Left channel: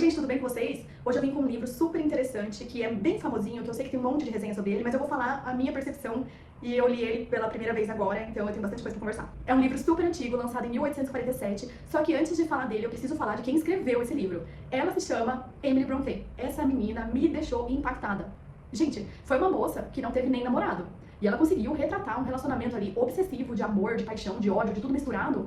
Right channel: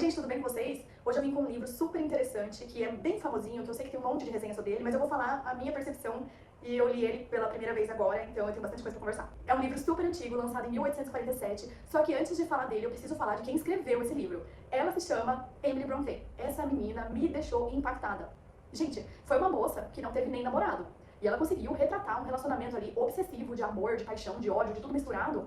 gente, tudo bem com vocês? Hoje eu vim com um livro super interessante, que é bem famosinho, que eu sei que tem um monte de resenha sobre ele, mas eu vou falar a minha percepção e eu li ele pela primeira vez agora, então eu tenho bastante coisa pra conversar. É um livro super antigo, lançado em 1847, só que antes de falar dele, eu preciso falar de quem escreveu esse livro. Ela se chama Emily Brontë. Essa menina me deixou impactada. Gente, foi uma moça que não teve nem namorado. E ela conseguiu retratar um relacionamento ali obsessivo, de amor, de paixão, de ódio, de tudo misturado,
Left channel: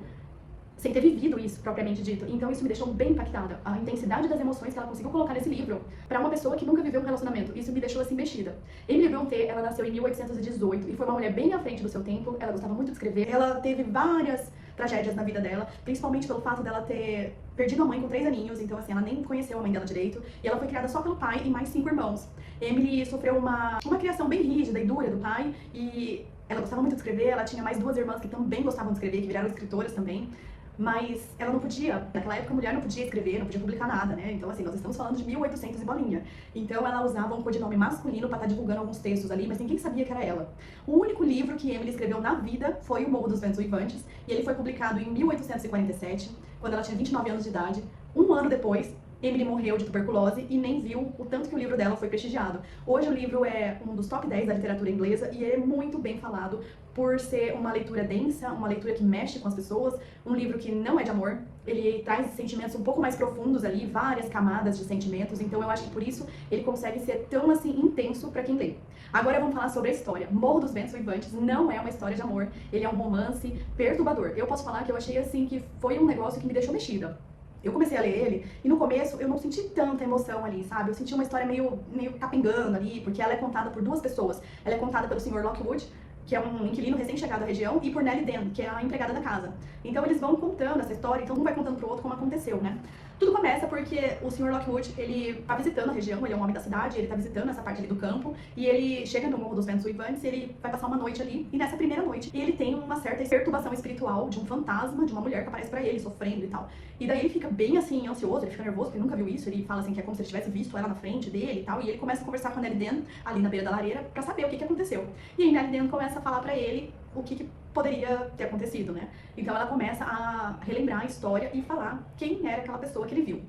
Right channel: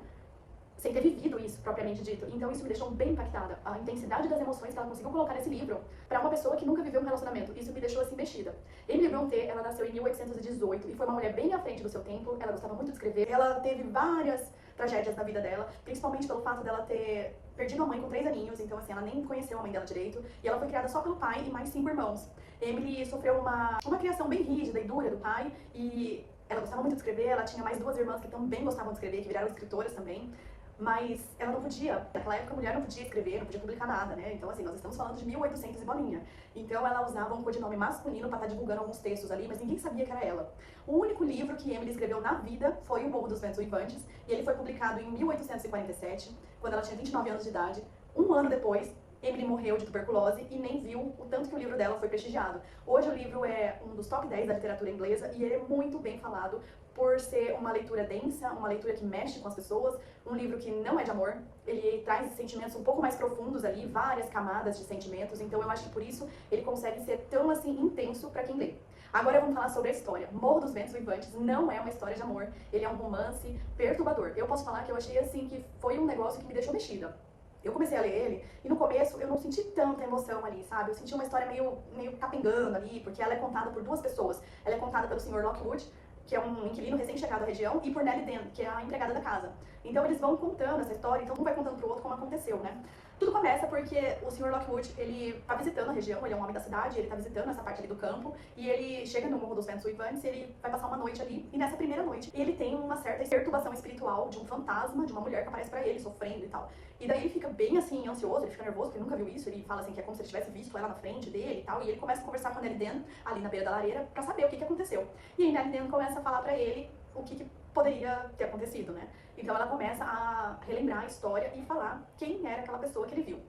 sem ter vivido isso, propriamente dito. Então isso me deixou bem impactada. A intensidade das emoções que ela conseguiu colocar nesse livro, pra uma pessoa que nunca viveu um relacionamento, isso me deixou assim mexida. Emily Brontë, ela nasceu em 1818 e foi uma mulher bem à frente do seu tempo. Ela gostava muito de escrever. Ela teve várias tragédias na vida dela, principalmente pelo fato dela ter perdido a mãe com 3 aninhos, então assim, ela nem conheceu a mãe dela direito, e ela foi criada só pelo pai e mais 5 irmãos. Emily sofreu uma criação bem rígida e dura do pai, e ela gostava muito de escrever. Ela tinha mais 2 irmãs que também gostavam de escrever, que viraram escritoras também. Mas ela não podia, naquela época a mulher não podia escrever, não podia publicar nada, né? Então assim, nós estamos falando de 1800 e bolinha. Então ela usava um codinome masculino pra estar divulgando alguns textos ali, mas ninguém sabia que era ela. O único livro que Emily escreveu na vida foi O Morro dos Ventos Uivantes, e ele foi publicado em 1847, quando ela tinha 29 anos de idade. Um ano depois, Emily morreu de tuberculose e nem viu o tanto que o livro dela foi prestigiado. Hoje o livro é um dos top 10 da literatura inglesa e é muito bem falado por ser uma leitura densa, uma leitura que mexe com as pessoas, um livro que não é de amor, ele traz sentimentos um pouco mais profundos ali, várias camadas de sentimentos, então eu acho que por isso ele consegue ser tão assim intenso pra quem lê. Agora vamos falar sobre a história. Morro dos Ventos Uivantes não é uma história de amor, ele é um romance perturbador. Eu posso falar que eu achei assim que foi um negócio que me deixou mexida. Eu comecei a ler ele, e no começo eu não senti tanta emoção ali, sabe? Eu senti uma história meio capengando ali, porque ela é contada por 2 pessoas. Ela é contada pelo Sr. Lockwood, que é um inquilino recém-chegado à região, e por Nellie Dean, que é a empregada da casa. Então eles vão contando essa história, então um vai contando pro outro como aconteceu, né? Tudo começa porque o Sr. Lockwood, ele tá visitando a região, ele é um homem da cidade, ele tá visitando essa parte ali do campo, e ele chega no Morro dos Ventos Uivantes, e ele vai passar uma noite ali, e nessa primeira noite, ele tem uma certa perturbação espiritual de um fantasma, de uma mulher que aparece pra ele, sofrendo e tal. E daí ele fica bem assim, ansioso, ele fica nervoso, porque ele nunca viu isso, ele fala assim que é como se ele tivesse visto ela na frente dele e tal, e ele começa a conversar com a Nellie Dean, ali na beira da lareira, pra saber o que aconteceu. E aí Nellie Dean começa a falar pra ele o que poderia ter acontecido, né? Então ela começa a relembrar a história e falar quem era aquela pessoa que ele viu.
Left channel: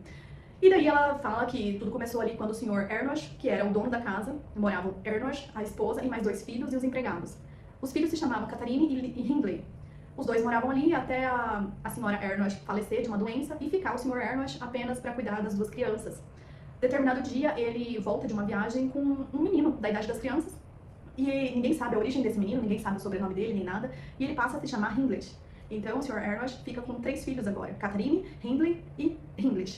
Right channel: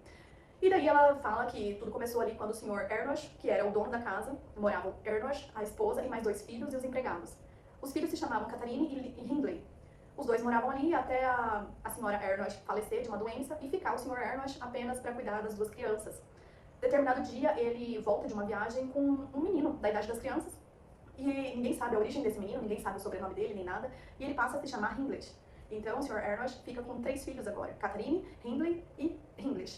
E daí ela fala que tudo começou ali quando o Sr. Ernest, que era o dono da casa, morava o Ernest, a esposa e mais 2 filhos e os empregados. Os filhos se chamavam Catherine e Hindley. Os 2 moravam ali até a senhora Ernest falecer de uma doença e ficar o Sr. Ernest apenas para cuidar das 2 crianças. Determinado dia, ele volta de uma viagem com um menino da idade das crianças, e ninguém sabe a origem desse menino, ninguém sabe o sobrenome dele nem nada, e ele passa a se chamar Hindley. Então o Sr. Ernest fica com 3 filhos agora, Catherine, Hindley e Hindley.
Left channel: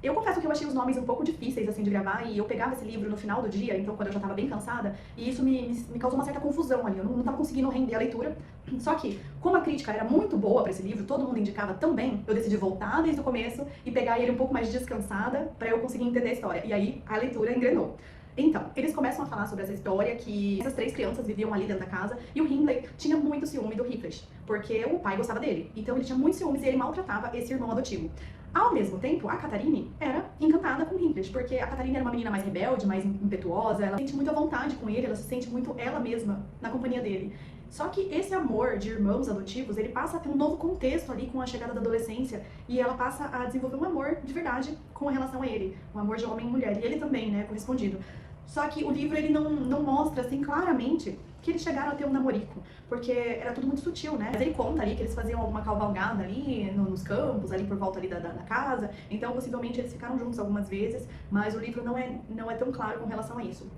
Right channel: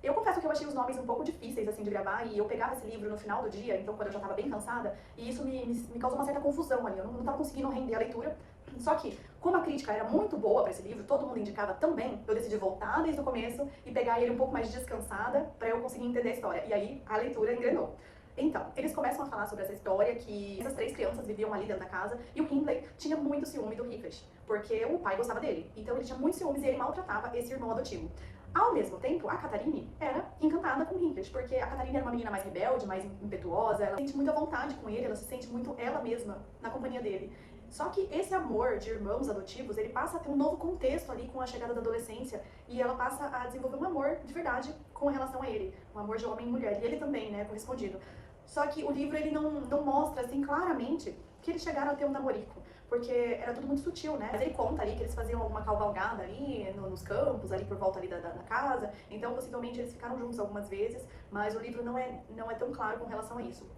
Eu confesso que eu achei os nomes um pouco difíceis assim de gravar, e eu pegava esse livro no final do dia, então quando eu já tava bem cansada, e isso me causou uma certa confusão ali, eu não tava conseguindo render a leitura. Só que, como a crítica era muito boa pra esse livro, todo mundo indicava tão bem, eu decidi voltar desde o começo e pegar ele um pouco mais descansada pra eu conseguir entender a história, e aí a leitura engrenou. Então, eles começam a falar sobre essa história que essas 3 crianças viviam ali dentro da casa e o Hindley tinha muito ciúme do Heathcliff, porque o pai gostava dele. Então ele tinha muito ciúmes e ele maltratava esse irmão adotivo. Ao mesmo tempo, a Catherine era encantada com o Heathcliff, porque a Catherine era uma menina mais rebelde, mais impetuosa, ela se sente muito à vontade com ele, ela se sente muito ela mesma na companhia dele. Só que esse amor de irmãos adotivos, ele passa a ter um novo contexto ali com a chegada da adolescência, e ela passa a desenvolver um amor de verdade com relação a ele, um amor de homem e mulher, e ele também, né, correspondido. Só que o livro ele não mostra assim claramente que eles chegaram a ter um namorico, porque era tudo muito sutil, né? Mas ele conta ali que eles faziam alguma cavalgada ali nos campos, ali por volta ali da casa, então possivelmente eles ficaram juntos algumas vezes, mas o livro não é tão claro com relação a isso.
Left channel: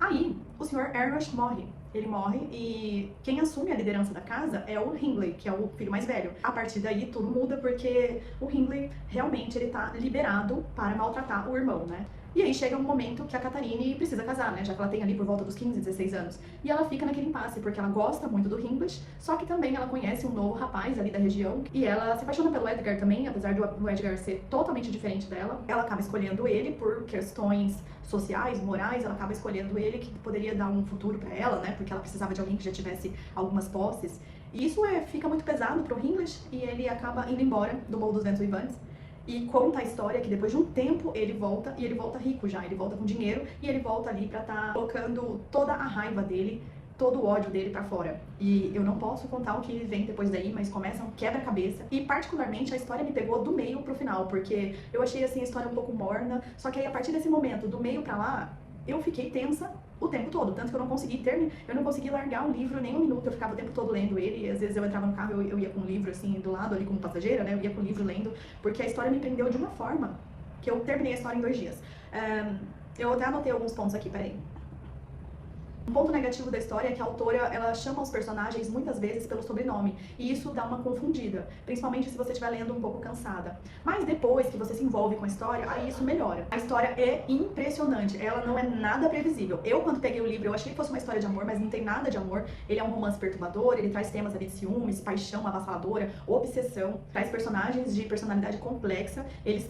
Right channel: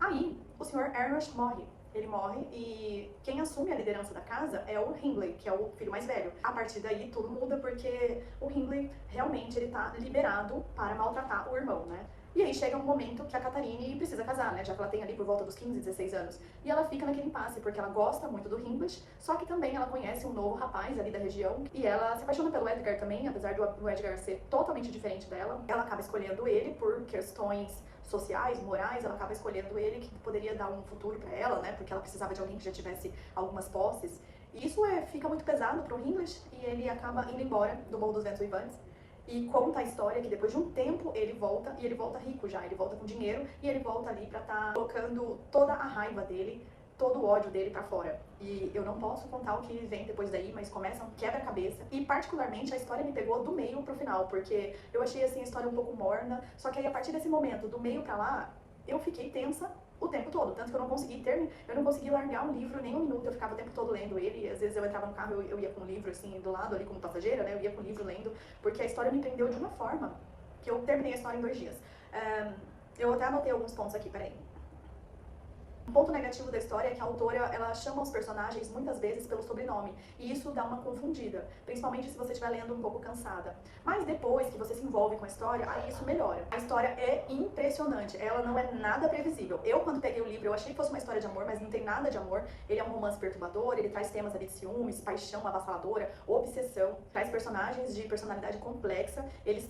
Aí, o Sr. Ernest morre. Ele morre e quem assume a liderança da casa é o Hindley, que é o filho mais velho. A partir daí, tudo muda porque o Hindley realmente ele tá liberado para maltratar o irmão, né? E aí chega um momento que a Catherine precisa casar, né? Já que ela tem ali por volta dos 15, 16 anos. E ela fica naquele impasse, porque ela gosta muito do Hindley, só que também ela conhece um novo rapaz ali da região. E ela se apaixona pelo Edgar também, apesar do Edgar ser totalmente diferente dela. Ela acaba escolhendo ele por questões sociais, morais, ela acaba escolhendo ele, que poderia dar um futuro pra ela, né? Porque ela precisava de alguém que já tivesse algumas posses. E isso fica muito pesado pro Hindley, e ele acaba indo embora do Morro dos Ventos Uivantes. E conta a história que depois de um tempo ele volta, e ele volta rico já, ele volta com dinheiro, e ele volta ali pra estar colocando toda a raiva dele todo o ódio dele pra fora. E eu não posso contar o que vem depois daí, mas começa um quebra-cabeça. E particularmente a história me pegou do meio pro final, porque eu achei assim a história um pouco morna, só que aí a partir desse momento, do meio pra lá, eu fiquei tensa o tempo todo, tanto que eu não consegui largar o livro nem um minuto, eu ficava o tempo todo lendo ele, e às vezes eu entrava no carro, eu ia com o livro assim, do lado ali como passageira, né, eu ia com o livro lendo, porque a história me prendeu de uma forma que eu terminei a história em 2 dias. Eu até anotei alguns pontos aqui, peraí. Um ponto negativo da história é que a autora, ela chama os personagens muitas vezes pelo sobrenome, e isso dá uma confundida, principalmente se você estiver lendo um pouco cansada. Mas depois que você se envolve com a história, aí isso melhora. A história é impressionante, ela não é nada previsível. Eu, quando peguei o livro, eu achei que fosse uma história de amor, mas não tem nada de amor. Ele é um romance perturbador, ele traz temas ali de ciúmes, paixão avassaladora, obsessão, traz personagens de personalidade complexa, eles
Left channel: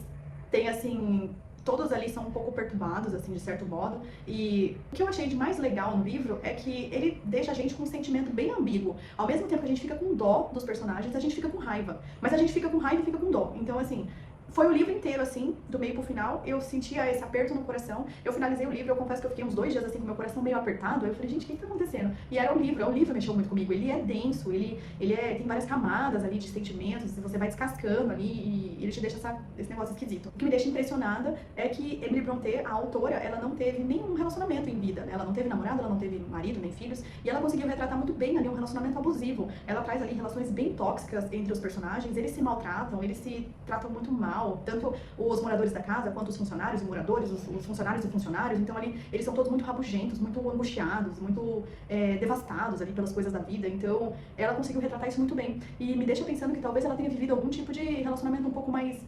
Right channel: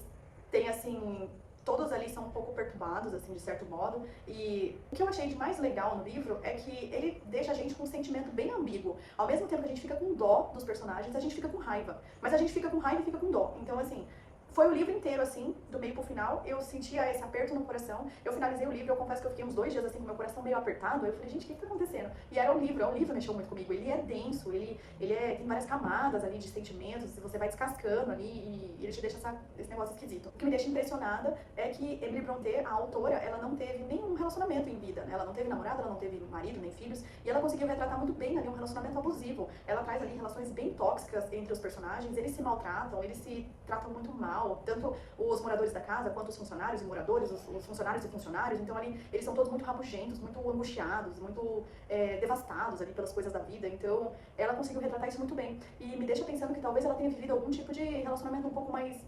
têm, assim, todos ali são um pouco perturbados, assim, de certo modo. E o que eu achei de mais legal no livro é que ele deixa a gente com um sentimento bem ambíguo. Ao mesmo tempo que a gente fica com dó dos personagens, a gente fica com raiva. Mas a gente fica com raiva e fica com dó. Então, assim, foi o livro inteiro, assim, do meio pro final, eu sentia esse aperto no coração. Eu finalizei o livro, eu confesso que eu fiquei uns 2 dias, assim, com meu coração meio apertado. Aí eu falei, gente, o que tá acontecendo? E era o livro mexeu muito comigo. Ele é denso, tem várias camadas ali de sentimentos, você vai descascando ali e ele te deixa esse negócio esquisito. O que me deixa impressionada é que Emily Brontë, a autora, ela não teve nenhum relacionamento em vida, né? Ela não teve namorado, ela não teve marido, nem filhos, e ela conseguiu retratar muito bem ali um relacionamento abusivo. Ela traz ali relações bem tóxicas entre os personagens, eles se maltratam, eles se tratam muito mal, tanto os moradores da casa, quanto os funcionários e moradores, os funcionários e funcionários. Então ali, eles são todos muito rabugentos, muito angustiados, muito devastados ali pelas coisas da vida. Então ela conseguiu retratar isso muito bem. E me deixa pensando que talvez ela tenha vivido algum tipo de relacionamento um pouco mais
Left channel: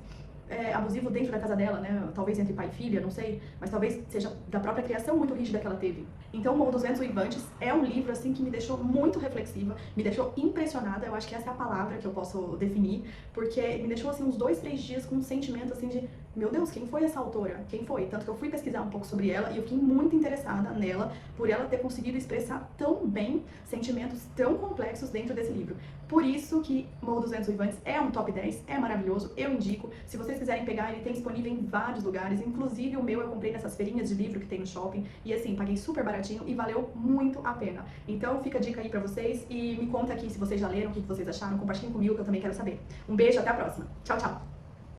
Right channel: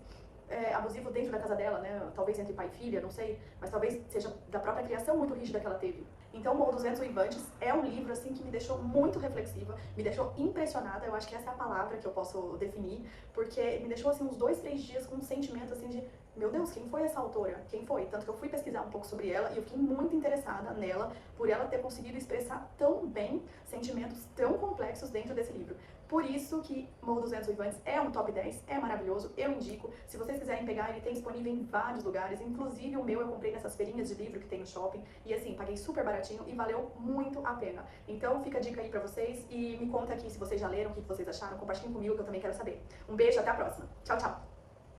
abusivo dentro da casa dela, né? Talvez entre pai e filha, não sei, mas talvez seja da própria criação muito rígida que ela teve. Então, Morro dos Ventos Uivantes é um livro, assim, que me deixou muito reflexiva, me deixou impressionada, eu acho que essa é a palavra que eu posso definir, porque me deixou, assim, uns 2, 3 dias com um sentimento, assim, de, meu Deus, quem foi essa autora? Quem foi? Tanto que eu fui pesquisar um pouco sobre ela e eu fiquei muito interessada nela, por ela ter conseguido expressar tão bem sentimentos tão complexos dentro desse livro. Por isso que Morro dos Ventos Uivantes é um top 10, é maravilhoso, eu indico. Se vocês quiserem pegar, ele tem disponível em vários lugares, inclusive o meu eu comprei nessas feirinhas de livro que tem no shopping, e assim, paguei super baratinho e valeu muito a pena. Então fica a dica aí pra vocês e me conta aqui se vocês já leram, o que vocês acharam, compartilhem comigo que eu também quero saber. Um beijo, até a próxima. Tchau, tchau!